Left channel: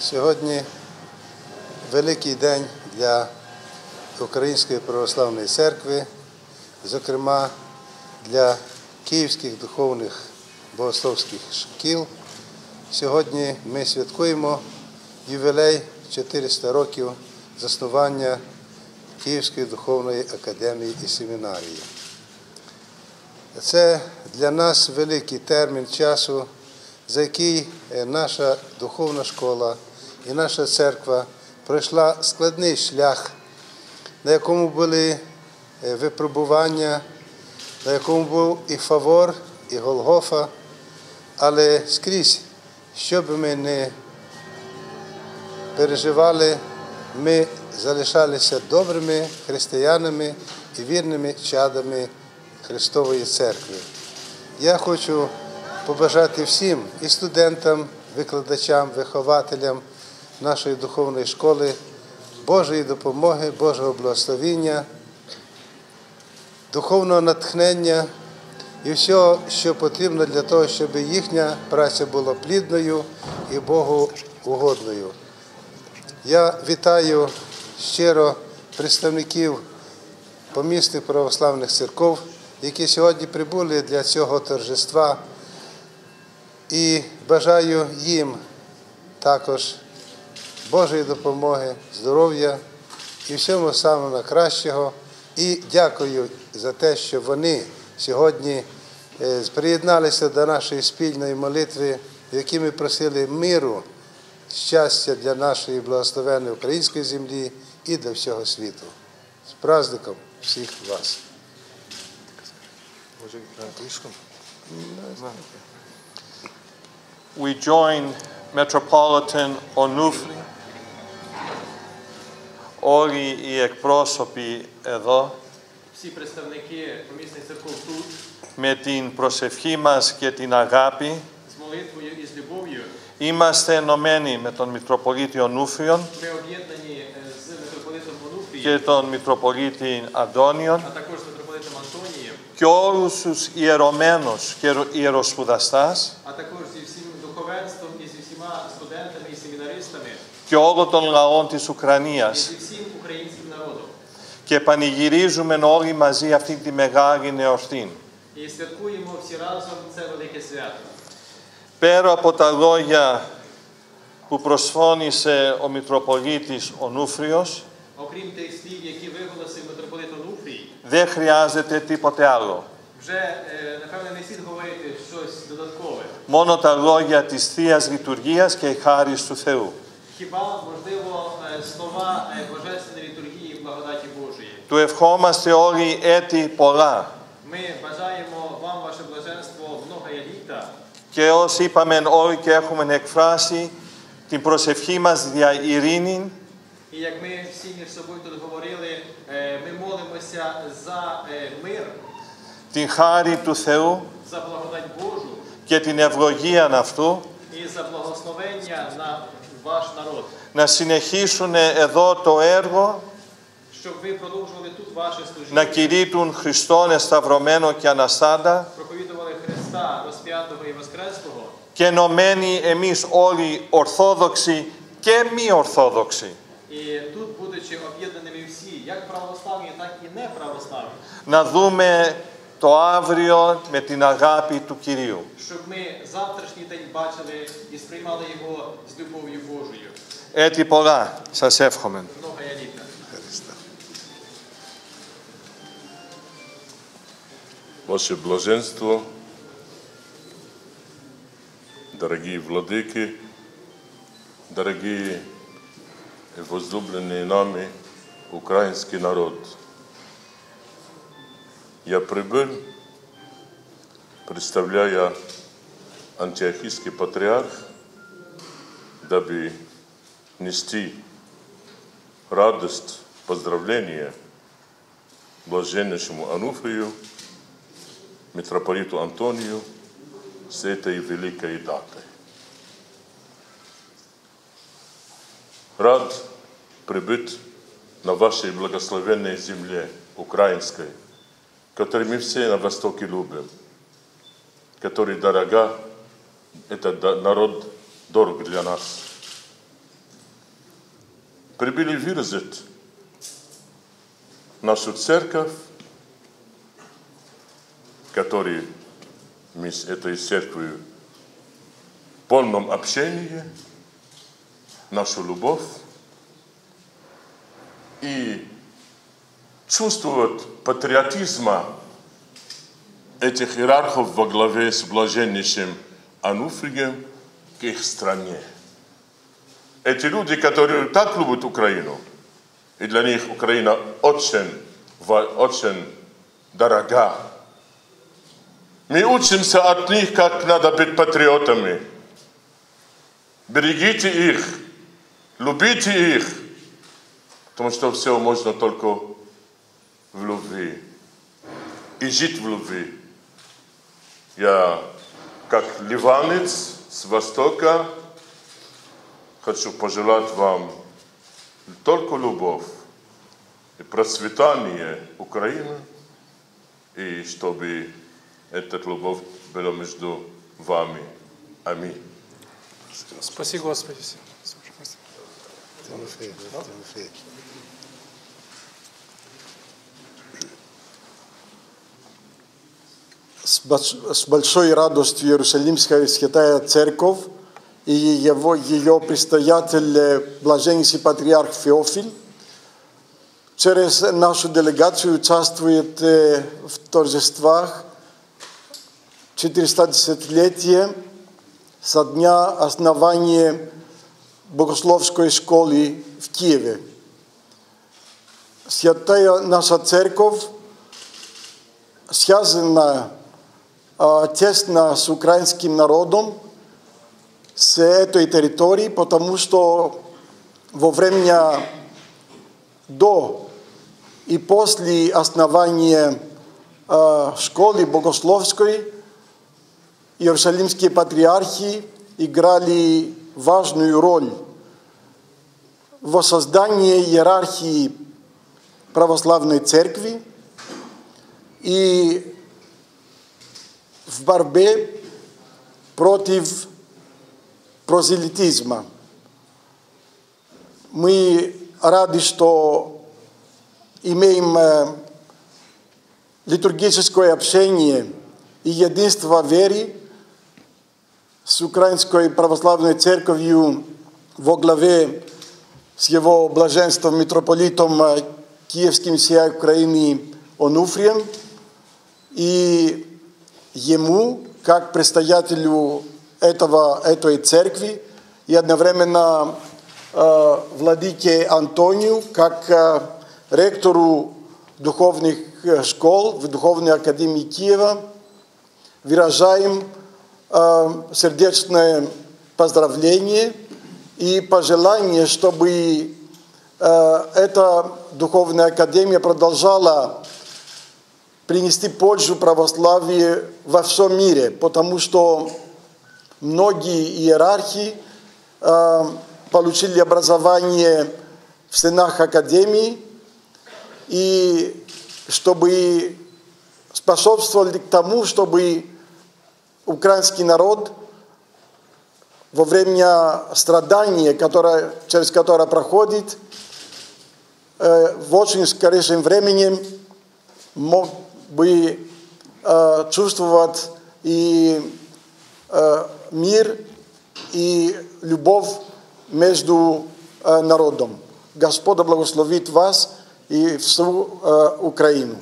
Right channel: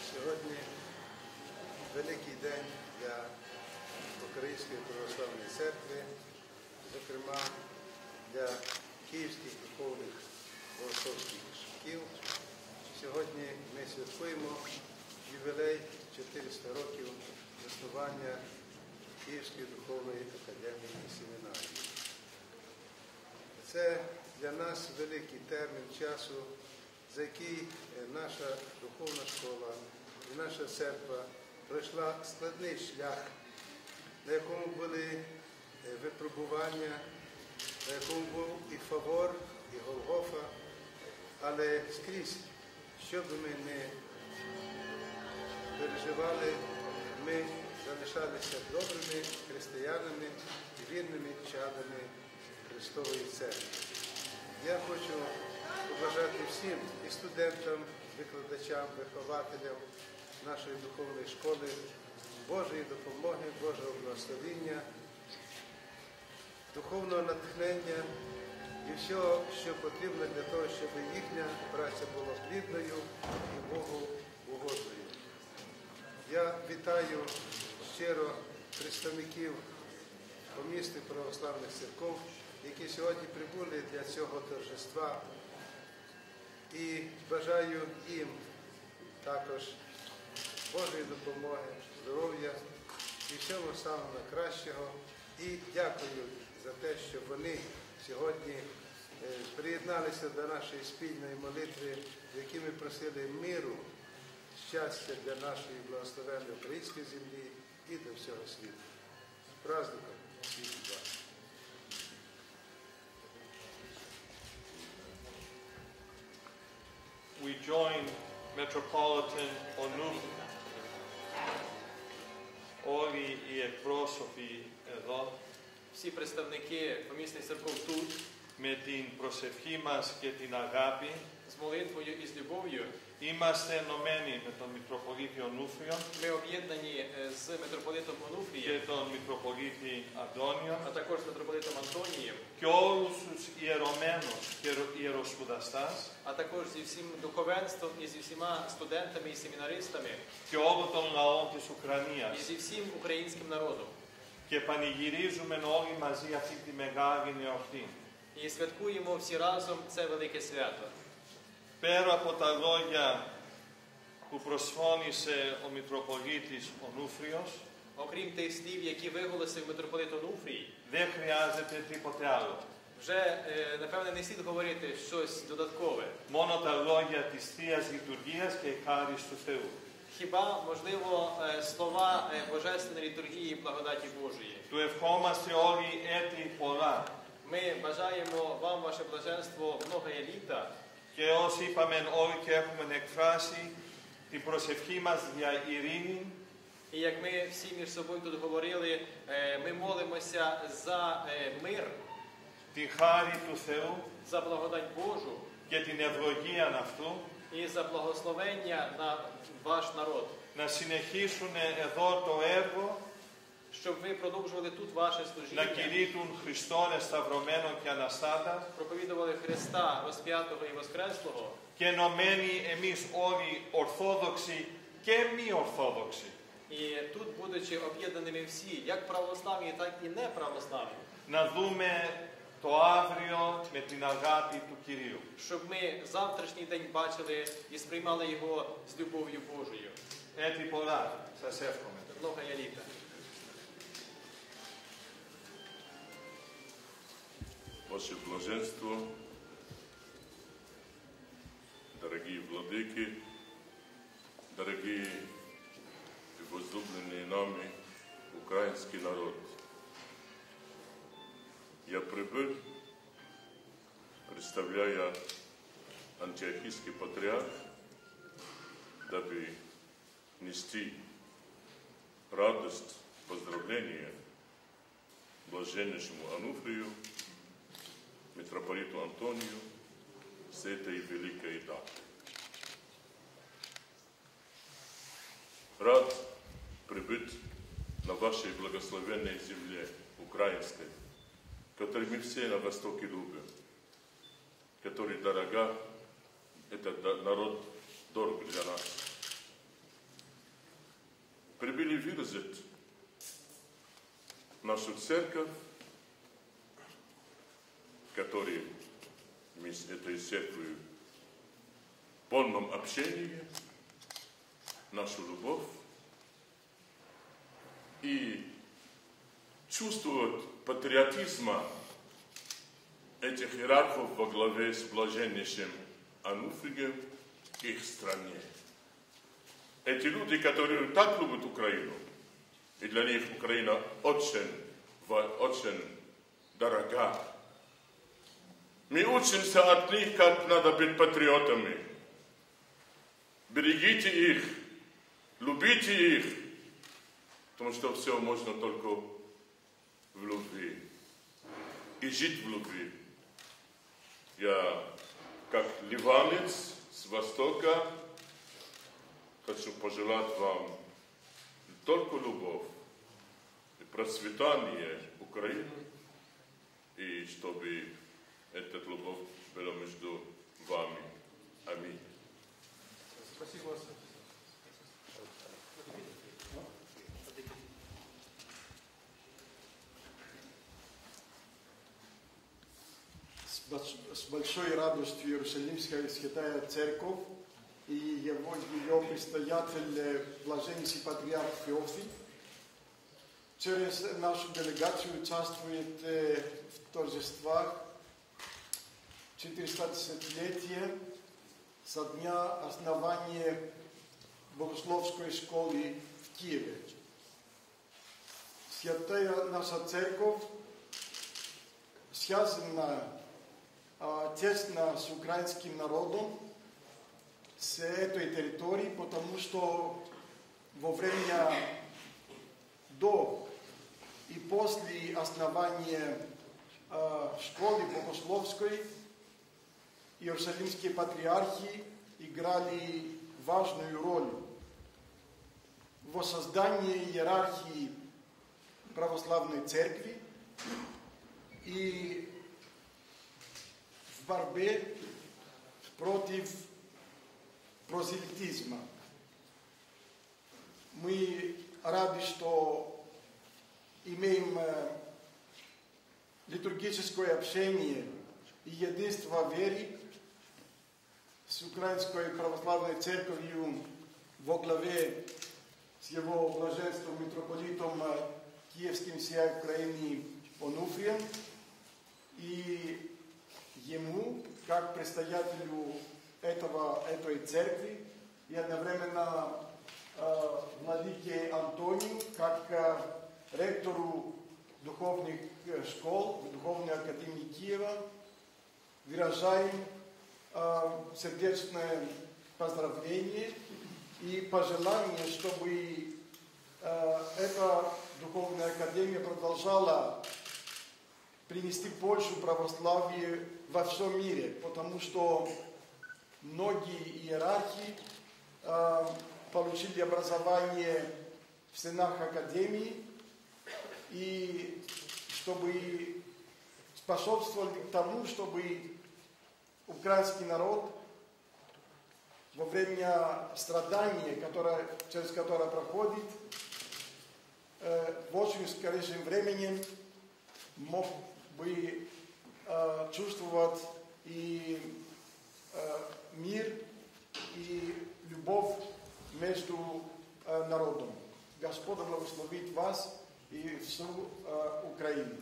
Сьогодні великий день для Української православної церкви, зокрема для київських духовних богословських шкіл. Сьогодні ми святкуємо ювілей 400 років заснування Київської духовної академії і семінарії. Це для нас великий термін часу, за який е, наша духовна школа і наша церква пройшла складний шлях, на якому були е, випробування, на якому був і Фавор, і Голгофа, але скрізь, що би ми не переживали, ми залишалися добрими християнами і вірними чадами Христової Церкви. Я хочу побажати всім і студентам, викладачам, вихователям нашої духовної школи Божої допомоги, Божого благословіння, духовного натхнення і всього, що потрібно для того, щоб їхня праця була плідною і Богу угодною. Я вітаю щиро представників помісних православних церков, які сьогодні прибули для цього торжества, і бажаю їм також Божої допомоги, здоров'я і всього самого найкращого. І дякую за те, що вони сьогодні е, приєдналися до нашої спільної молитви, в якій ми просили миру, щастя для нашої благословенної української землі і для всього світу. З праздником всіх вас! We join Metropolitan Onufri, όλοι οι εκπρόσωποι εδώ με την προσευχή μας και την αγάπη είμαστε ενωμένοι με τον Μητροπολίτη Ονούφριον και τον Μητροπολίτη Αντώνιον και όλους τους ιερωμένους και ιεροσπουδαστάς και όλο των λαών της Ουκρανίας. Και πανηγυρίζουμε όλοι μαζί αυτή τη μεγάλη εορτή. Πέρα από τα λόγια που προσφώνησε ο Μητροπολίτης ο Νούφριος, δεν χρειάζεται τίποτε άλλο. Μόνο τα λόγια της Θείας Λειτουργίας και η χάρη του Θεού. Хіба можливо е, слова е, божественної літургії і благодаті Божої? Του ευχόμαστε όλοι έτη πολλά. Ми бажаємо вам, ваше блаженство, многое літа. Και όσοι είπαμε όλοι και έχουμε εκφράσει την προσευχή μας για ειρήνη, І як ми всі між собою тут говорили, е, ми молимося за е, мир, την χάρη του Θεού за благодать Божу και την ευλογία αυτού, να συνεχίσουν εδώ το έργο να κηρύττουν Χριστόν εσταυρωμένο και αναστάντα και ενωμένοι εμείς όλοι Ορθόδοξοι και μη Ορθόδοξοι. Να δούμε το αύριο με την αγάπη του Κυρίου. щоб ми завтрашній день бачили і сприймали його з любов'ю Божою. Έτσι πολλά. Σας εύχομαι. Многое літа. Христа. Ваше блаженство, дорогие владыки, дорогие и возлюбленные нами украинский народ. Я прибыл, представляя антиохийский патриарх, дабы нести радость, поздравления блаженнейшему Ануфрию, митрополиту Антонию с этой великой датой. Рад прибыть на вашей благословенной земле украинской, которую мы все на Востоке любим, который дорога, этот народ дорог для нас. прибыли выразить нашу церковь, которой мы с этой церковью в полном общении, нашу любовь и чувствовать патриотизма этих иерархов во главе с блаженнейшим Ануфрием к их стране. Эти люди, которые так любят Украину, и для них Украина очень, очень дорога. Мы учимся от них, как надо быть патриотами. Берегите их, любите их, потому что все можно только в любви. И жить в любви. Я, как ливанец с Востока, хочу пожелать вам только любовь и процветание Украины, и чтобы эта любовь была между вами. Аминь. Спаси Господи. Тимофей, С больш- с большой радостью Иерусалимская Святая Церковь и его, ее предстоятель э, Блаженнейший Патриарх Феофиль через нашу делегацию участвует э, в торжествах 410-летия со дня основания Богословской школы в Киеве. Святая наша церковь связана тесно с украинским народом, с этой территорией, потому что во время до и после основания а, школы богословской иерусалимские патриархи играли важную роль в воссоздании иерархии православной церкви. И в борьбе против прозелитизма. Мы рады, что имеем э, литургическое общение и единство веры с Украинской православной церковью во главе с его блаженством митрополитом э, Киевским всей Украины Онуфрием и ему, как предстоятелю этого, этой церкви, и одновременно э, владыке Антонию, как э, ректору духовных э, школ в Духовной Академии Киева, выражаем э, сердечное поздравление и пожелание, чтобы э, эта Духовная Академия продолжала принести пользу православию во всем мире, потому что многие иерархи э, получили образование в стенах Академии, и чтобы способствовали к тому, чтобы украинский народ во время страдания, которое, через которое проходит, э, в очень скорейшем времени мог бы э, чувствовать и э, мир, и любовь между э, народом. Господь благословит вас и всю э, Украину,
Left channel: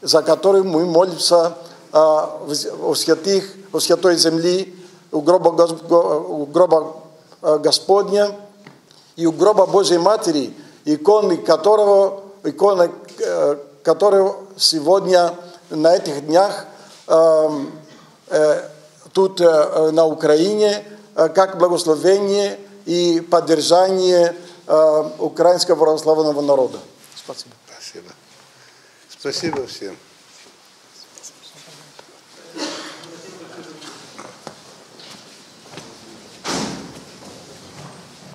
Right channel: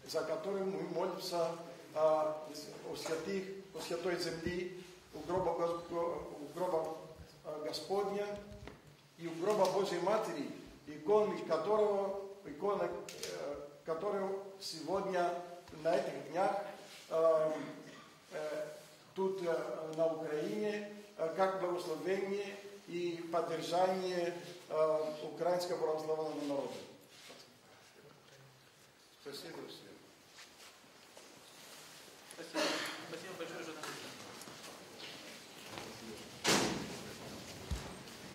за которую мы молимся э, в- у святых, у святой земли, у гроба, у гроба э, Господня и у гроба Божьей Матери, иконы которого, иконы, э, которого сегодня на этих днях эм, э, тут э, на Украине э, как благословение и поддержание э, украинского православного народа. Спасибо. Спасибо. Спасибо всем.